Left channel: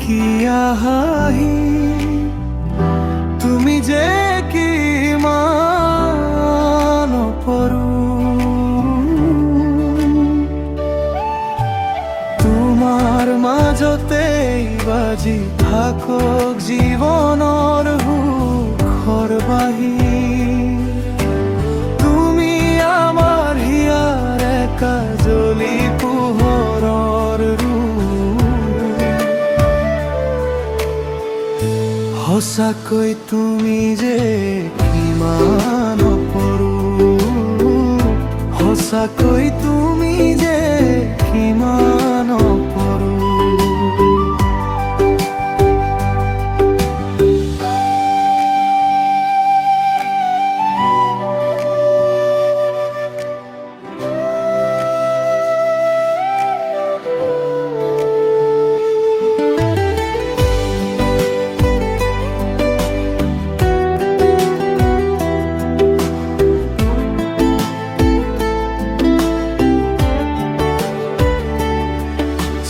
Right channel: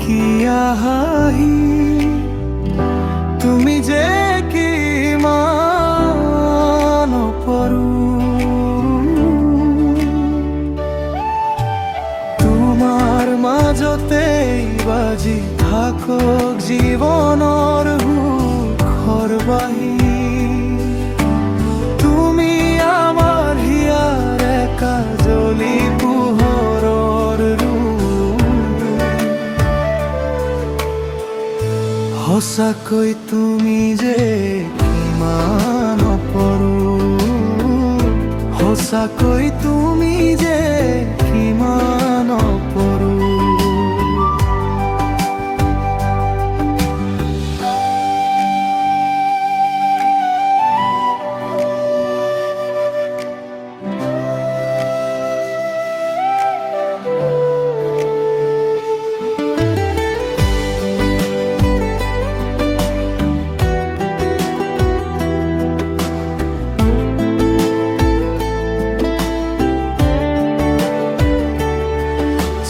কিয়া হাহি তুমি যে কিমান অপৰু তোমাৰ মাজতেই বাজি থাকক জীৱনৰ সুখৰ বাহি তুমি আমাৰ হিয়াৰ কাজলি পোহৰৰ সঁচাকৈ তুমি যে কিমান অপৰু সঁচাকৈ তুমি যে কিমান অপৰু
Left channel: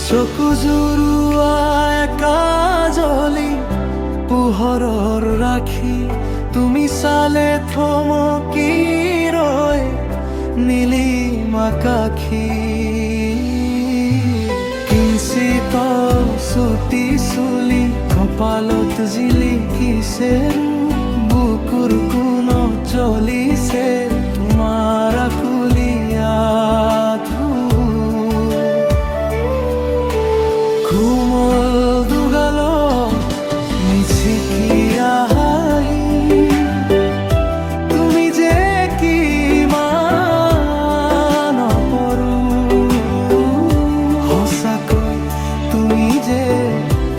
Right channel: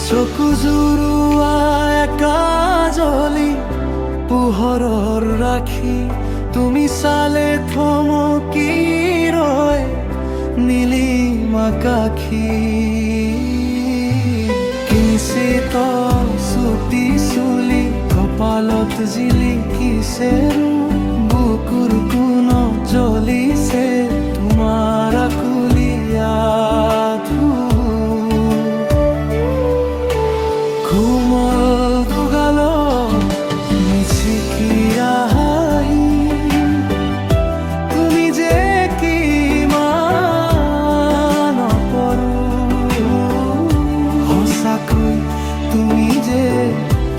চকু জুৰুৱা কাজলি পোহৰৰ ৰাখি তুমি চালে থমকি ৰয় নীলিমা আকাশী কিঞ্চিত চুটি চুলি কপালত জিলিকিছে বুকুৰ কোণত জ্বলিছে তোমাৰ আকুলিয়া কোমল দুগালত মিচিকিয়া হাঁহি তুমি যে কিমান অপৰু সঁচাকৈ তুমি যে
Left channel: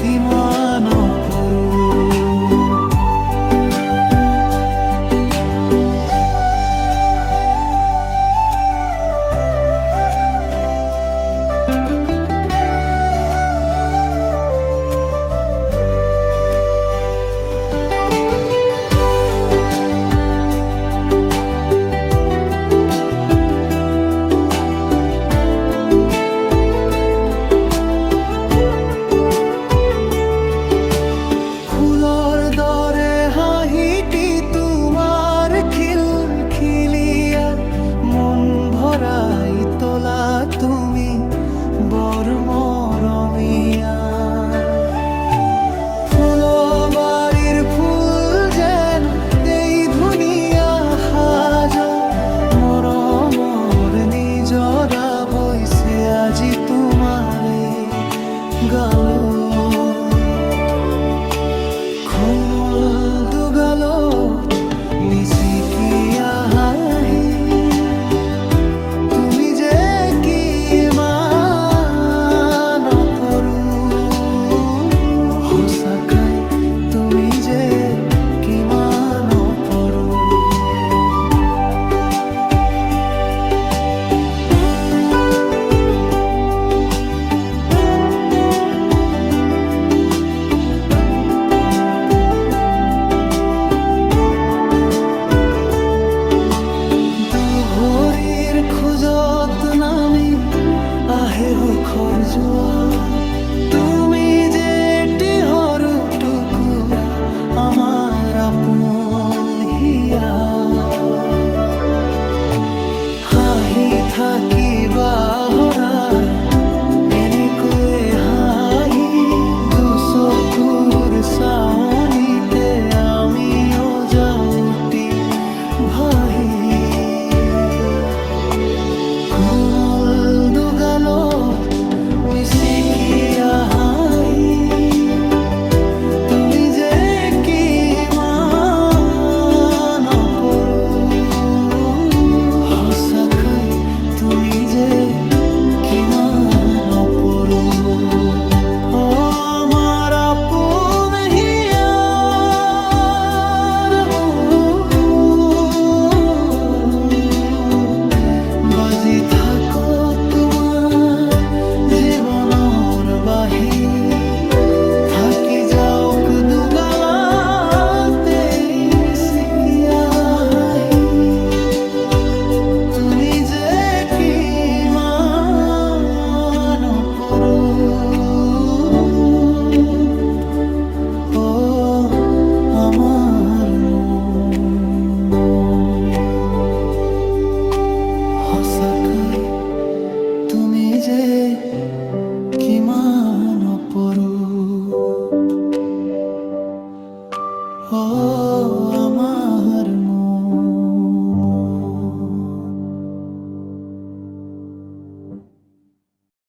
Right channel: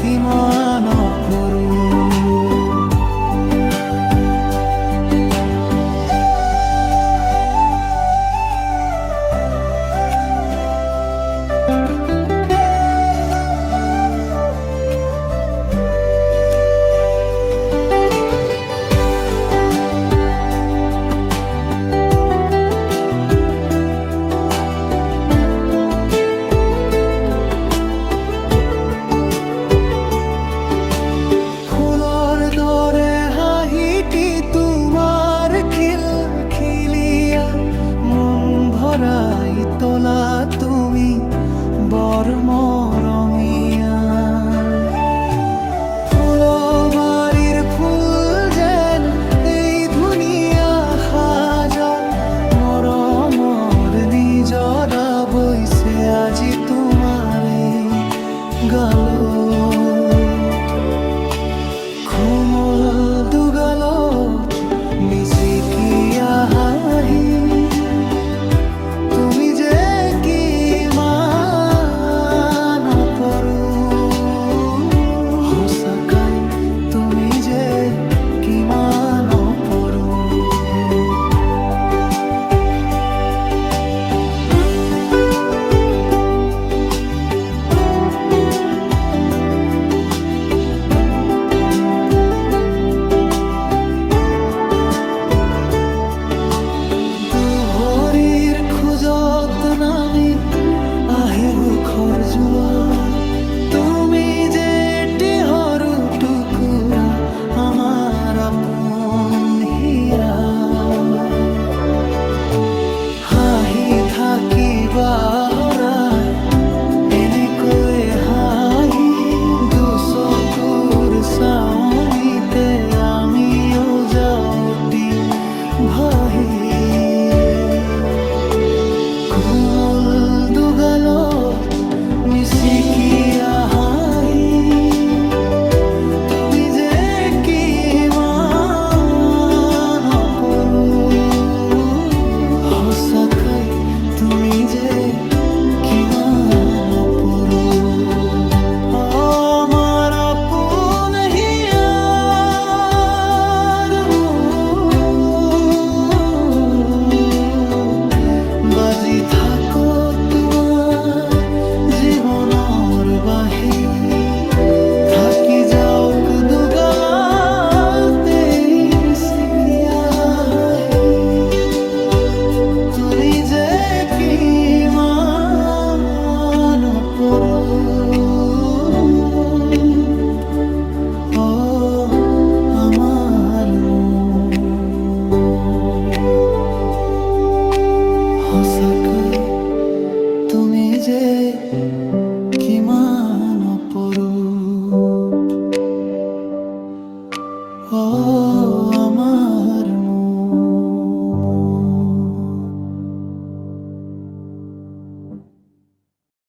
কিমান অপৰু ফুলৰ দৰে হাঁহিটি তোমাৰ খিলখিলিয়া মন ভৰাই তোলা তুমি বৰ মৰমীয়া ফুলবাৰীৰ ফুল যেন এই ধুনীয়া সাজ মৰমৰ নিজৰা বৈছে আজি তোমাৰে গালত কোমল দুগালত মিচিকিয়া হাঁহি তুমি যে কিমান অপৰু সঁচাকৈ তুমি যে কিমান অপৰু খোজত নামি আহে সুখৰ জোৱাৰ তুমি যে এটি সৰু টুকুৰা আমাৰ আপোন হিয়া হাঁহি থাকিবা সৰাই এনেকৈ হাঁহি দুচকুৰ চাৱনিতে আমিও যাওঁতি ভাহি কোমল দুগালত মিচিকিয়া হাঁহি তুমি যে কিমান অপৰু সঁচাকৈ তুমি যে কিমান অপৰু আমাৰ আপোন হিয়াৰ বাজি থাকক তোমাৰ জীৱনৰ বাহি থাকি যাওক দুগালতে মিচিকিয়া হাঁহি তুমি যে কিমান অপৰু কিমান অপৰূপ